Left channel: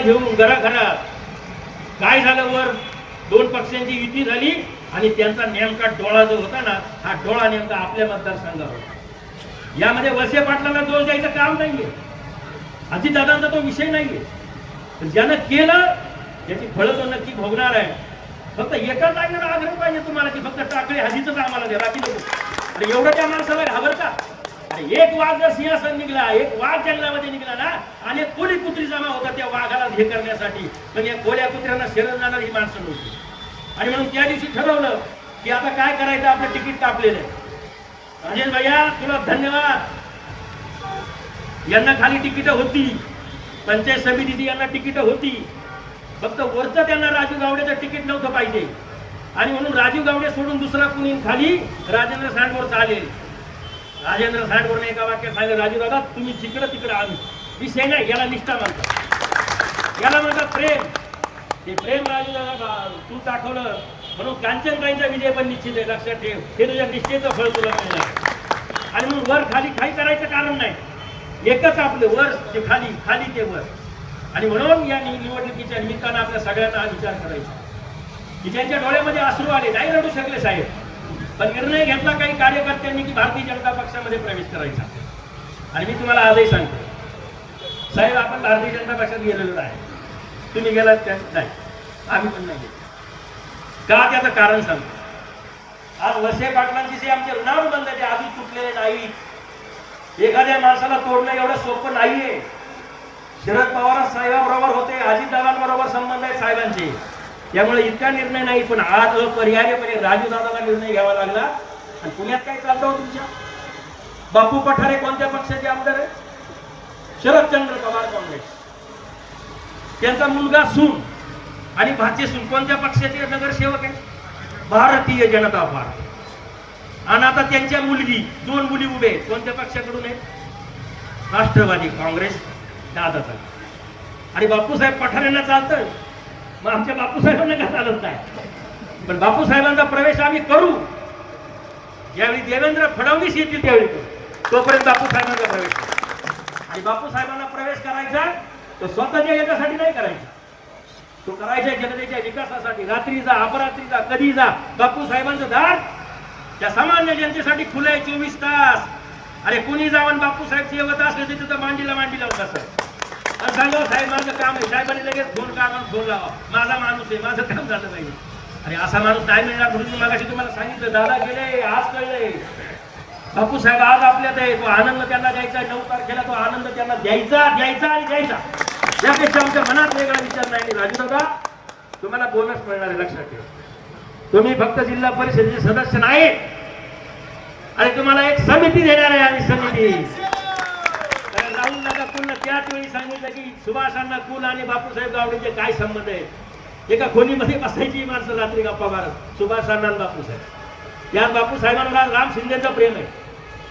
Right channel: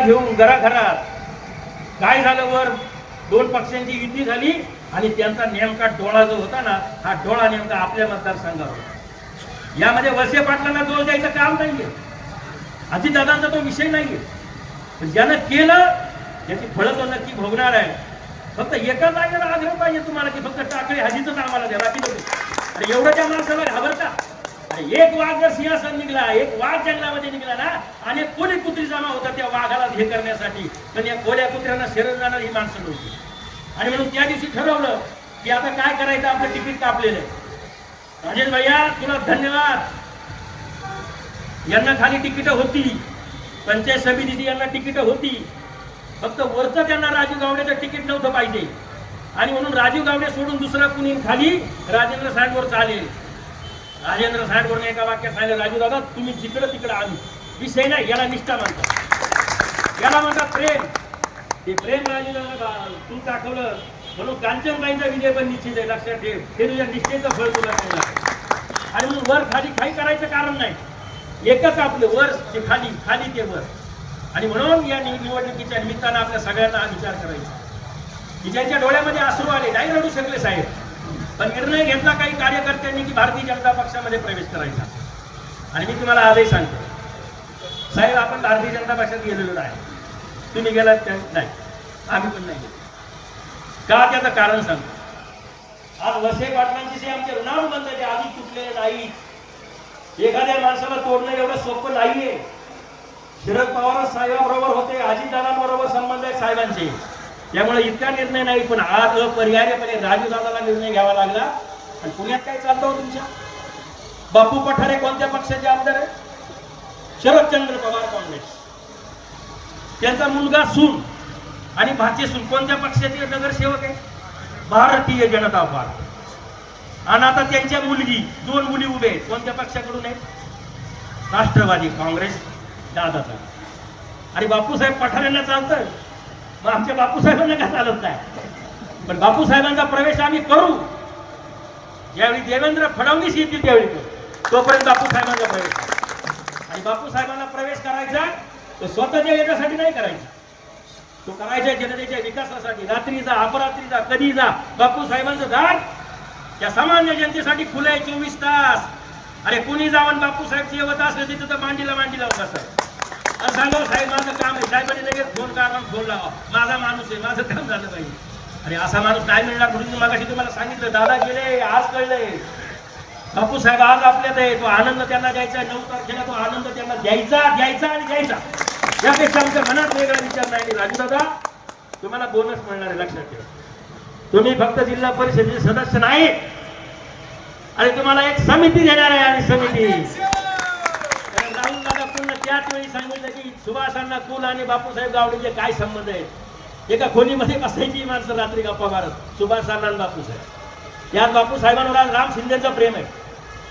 घेऊन घराघरात काय झालं, वर दोन पक्षांची युती झाली आणि त्यांचा नेमका डोळा जो होता ना, हा डोळा नेमका आपल्या मतदारसंघावर होता. यामध्ये वळसे पाटलांना दोष द्यायचं काम नाहीये, अजितदादांचा तो विषय नाहीये. ज्यानं केलं त्याची फळं तो नक्की भोगणार आहे. फक्त एका जागेवर आग्रह पाहिजे तुम्हाला की फक्त टाकळी हजीच आम्हाला द्या, बाकी नको. अरे एवढं त्या माणसाला घाबरता? अरे एक वाघ जर सिंहासन निघला, एक वाघ जंगलामध्ये निघला ना, आणि कोणी कुत्री जमा होता त्या वाघाला हे करण्यासाठी, पण या कोल्या कुत्र्यांना शरण जाणार ही माणसं नव्हती. आणि म्हणून त्या दिवशी ठरवलं की आता काय करायचं, आपलं तिकीट कापलेलं आहे. अजय भैया तुला धन्यवाद. यांना खाली तिकीट होती, पंचायत समिती यांना तिकीट होती, फक्त वरचं त्यांना राजू गावडेचं तिकीट नव्हतं पाहिजे. आणि म्हणून राजू गावडे सोडून दुसरा कुणी खाली राजेंद्र साहेबवर चालेल. राजेंद्र साहेबवर एका वाक्यात सांगितलं, राजू दादा तुम्ही जिकडं तिकडं आम्ही, विषय नाही, याला निष्ठा म्हणतात, याला म्हणतात प्रेम. ते प्रेम राजू दादा तू दाखवलं, म्हणून कांचनबाईंचा विजय पण निश्चित आहे, लक्षात ठेव. ते तुझ्या निश्चयचं फळ तुला मिळणार. आणि मग वर खाली काही करायचं कारण नाही, एकच आपलं वर ते खाली, खाली ते वर. आणि म्हणून या निवडणुकीच्या निमित्तानं आपल्या सगळ्यांना विचार करायचा की ज्यांच्या डोळ्यामध्ये अश्रू आले, नाही रडू शकले साहेब, पण निर्णय घेतला काही कार्यकर्त्यांनी की भारतीय जनता पक्षामध्ये प्रवेश करायचा. आणि मी तुम्हाला आजही सांगतो साहेब, आपण भारतीय जनता पक्षात गेलेलो आहे. तुम्ही गेलात का? नाही, आम्ही पण नाही गेलो. का त्याचं कारण सांगतो. आज वळसे पाटलांची जे आमचे ऋणानुबंधाचे आधी तुटलेले नाही. एखाद्या माणसाला तोडणं एवढं सोपं नाहीये. शरद पवार साहेबांबरोबर होते, अजितदादांबरोबर संबंध आहे साहेबांचे, त्यामुळे इतका निर्णय नाही. पण आज अपरिहार्यपणे राजूदादाला निर्णय घ्यावा लागला. आणि पुण्यात काय चालतं हो तुमच्या? बापू पठारे कोणत्या पक्षाचे आमदार आहे? शरदचंद्र पवार काँग्रेस. त्यांचा मुलगा सून आणि भाचे सून कोणत्या पक्षाचे नगरसेवक आहे? भारतीय जनता पार्टी. आणि आता त्यांच्या मुलगी, दोन मुली उभे कोणत्या पक्षाकडून आहेत? राष्ट्रवादी काँग्रेस दादाचा. आणि बापूसाहेब पठारेंना चालतं, मग आमच्या बापूसाहेबांना काय चालत नाही. पण बापूसाहेबांचा प्रवेश आम्ही करू, ज्यावेळी देवेंद्र फडणवीस येतील त्यावेळी करू. तोपर्यंत बापूसाहेबांचा प्रवेश. आणि बापूसाहेबांना प्रवेश करायचा तो स्वतःच्या याच्यासाठी नाही करायचा, तो करायचा जनतेच्या विकासासाठी. रात्री जा, अपरात्री जा, कधी जा, बापूसाहेबांचं दार त्या सामान्य जनतेसाठी खुले 24 तास. अरे कुणी जाऊन बापूसाहेब येवत असले तर तिथं मांडीला बसत आणि सांगा साहेब माझं काम आहे. साहेबांनी लगेच फोन करा, फोन लावा, माझा माणूस आहे, माझं काम झालं पाहिजे. अरे असा माणूस काय मिळणार? म्हणून मागाशी तुम्हाला सांगितलं, दादा गेले, आज कळलंय बापूसाहेब आज आपल्यात आहे. तो आनंद त्यांना द्यायचा, 9 तारखेला तो आनंद त्यांना द्यायचा आणि द्यायचा. यापेक्षा आमच्या मनात वेगळा विचार नाही. राजू दादा तुम्हाला बोनस मिळणार आहे, लक्षात ठेवा. तुम्ही फक्त जिल्हा परिषदेचे सदस्य नाही, आणि तुम्हाला एक समिती देणार आहे. आणि समिती राहुल दादा पूर्ण त्याच वेळी सांगितलं की सुभाषांना कुल आणि बापूसाहेब गावडेचे काय संबंध आहेत. एका खोलीमध्ये बसायची माणसं रात्री गप्पा मारत, सुभाषांना आणि बापूसाहेब. यात बापूसाहेबांना राम शिंदेचं प्रेम आहे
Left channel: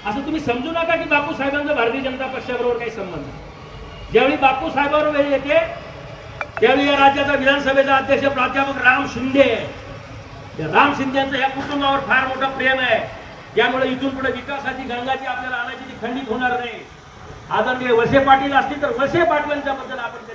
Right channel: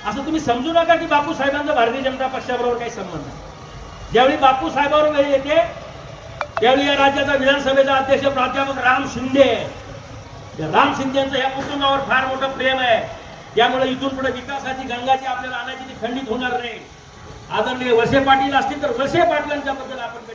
असं तुम्ही समजू नका की बापूसाहेबांचा भारतीय जनता पक्षाबरोबर काही संबंध नाही. ज्यावेळी बापूसाहेबांवर येते त्यावेळी या राज्याचा विधानसभेचा अध्यक्ष प्राध्यापक राम शिंदे. राम शिंदेचं या कुटुंबावर फार मोठं प्रेम आहे. त्यामुळे इथून पुढे विकासाची गंगाची आपल्याला आणायची ती खंडित होणार नाही. आदरणीय वळसे पाटील असतील तर वळसे पाटलांच्या बद्दल आपण